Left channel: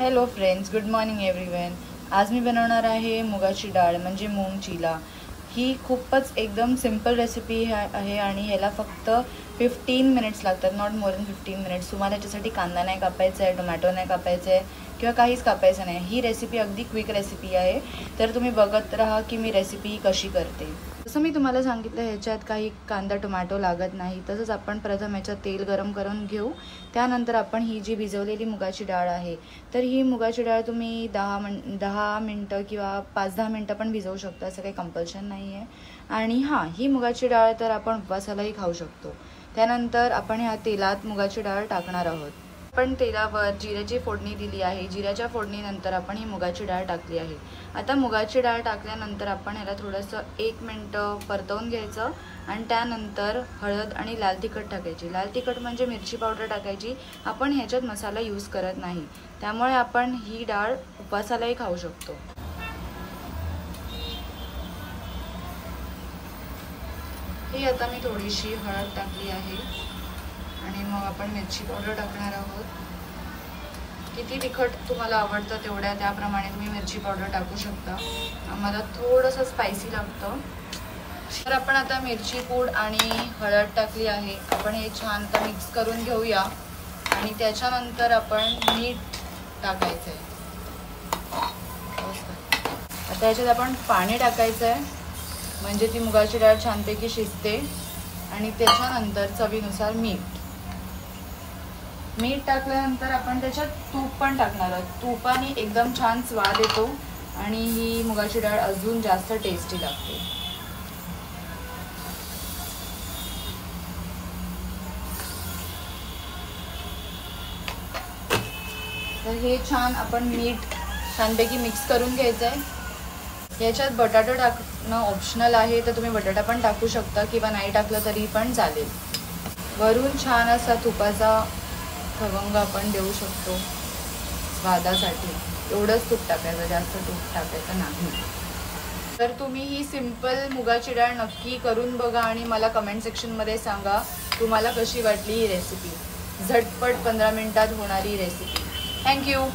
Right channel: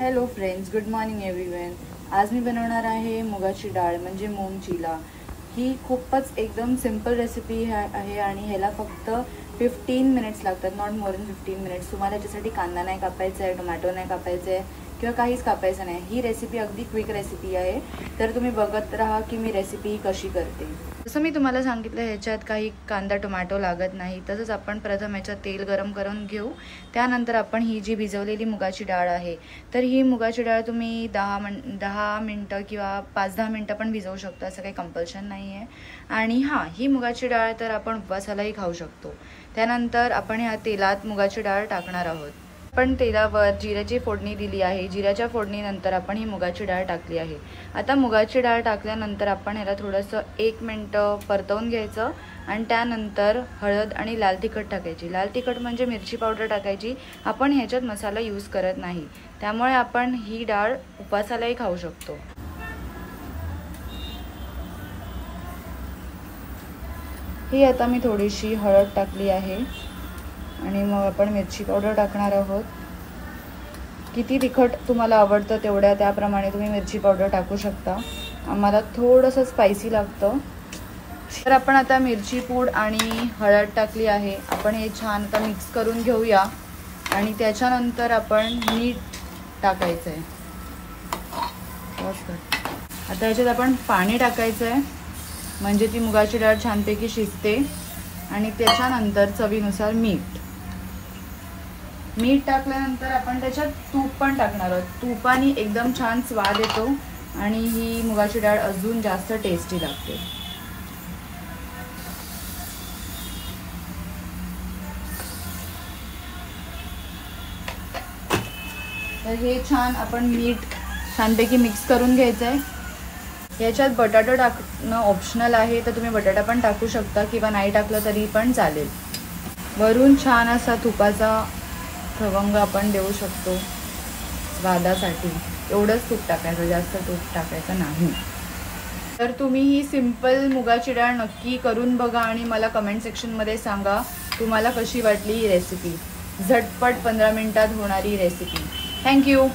Hello friends, good morning everyone. आज मी बनवणार आहे मुगाची डाळ म्हणजे मूग चिला। ही खूपच एकदम सिंपल रेसिपी आहे आणि ह्याला फक्त 15 मिनिट्स लागतात, नॉट मोर दॅन 15 मिनिट्स। तुम्हाला याच्यासाठी कांदा नाही कापायचा आहे, टोमॅटो नाही कापायचं आहे किंवा काहीच कापायचं नाही। ही रेसिपी अगदी क्विक रेसिपी आहे, तर तुम्ही बघत राहा की मी रेसिपी कशी करते। जसं मी तुम्हाला सांगितलं ह्याच्यात काही कांदा टोमॅटो लागत नाही। तसंच आपण प्रथम ह्याच्यात तेल गरम करून घेऊ, त्यानंतर आपण ही जी भिजवलेली मुगाची डाळ आहे, तर ही मुगाची डाळ तुम्ही 10 मिनिटं किंवा 5-10 मिनिटं पण भिजवू शकता, असं काही कंपल्शन नाही आहे। आणि हां, ही मुगाची डाळ तर आपण उपवासालाही खाऊ शकतो। त्यानंतर आपण ह्या तेलात मुगाची डाळ टाकणार आहोत। आपण तेलावर जिऱ्याची फोडणी दिली आहे। जिऱ्याच्या फोडणीनंतर आपण ही मुगाची डाळ टाकली आहे। आता मुगाची डाळ टाकल्यानंतर आपण ह्याला थोडंसं 1 मिनिट परतवून घ्यायचं आणि त्यानंतर हळद आणि लाल तिखट टाकायची। लाल तिखट म्हणजे मिरची पावडर टाकायची। आपण ह्याच्यात मसाला यूज करत नाही, त्यामुळे आपण ही डाळ उपवासालाही खाऊ शकतो। ही आता मी थोडीशी हळद टाकली आहे आणि मग आपण मिरची पावडर टाकणार आहोत। किती तिखट तुम्हाला आवडतं तेवढ्या त्याप्रमाणे तुम्ही मिरची पावडर टाकू शकता। आम्हाला थोडंसं स्पायसी लागतं, तर आपण आता मिरची पूड आणि हळद टाकली आहे। आपण हे छान मिक्स करून घेऊया आणि त्याच्यानंतर आपण मीठ टाकायचं आहे। आता याच्यात आपण पाणी टाकायचं आहे, म्हणजे ती मुगाची डाळ छानपैकी शिजते। आणि त्याच्यानंतर चवीनुसार मीठ टाकल्यानंतर आपण त्याच्यात तूप पण टाकणार आहोत। तुपाने एकदम छान स्वाद येतो आणि ही मुगाची डाळ अजून जास्त टेस्टी लागते। तर हे छान आपण मीठ छानपैकी मिक्स करून घ्यायचं आहे। याच्यात बटाटा टाकणं ऑप्शनल आहे, तर तुम्ही बटाटा पण टाकू शकता किंवा नाही टाकलं तरी पण चालेल। वरून छान असा तुपाचा खवंग आपण देऊ शकतो स्वादासाठी। एवढंच तूप टाकायचं, जास्त तूप टाकायचं नाही। तर तुम्ही ही सिंपल मुगाची डाळ नक्की करून बघा आणि मला कमेंट सेक्शनमध्ये सांगा तुम्हाला कशी वाटली ही रेसिपी। झटपट 15 मिनिटात होणारी रेसिपी। थँक्यू।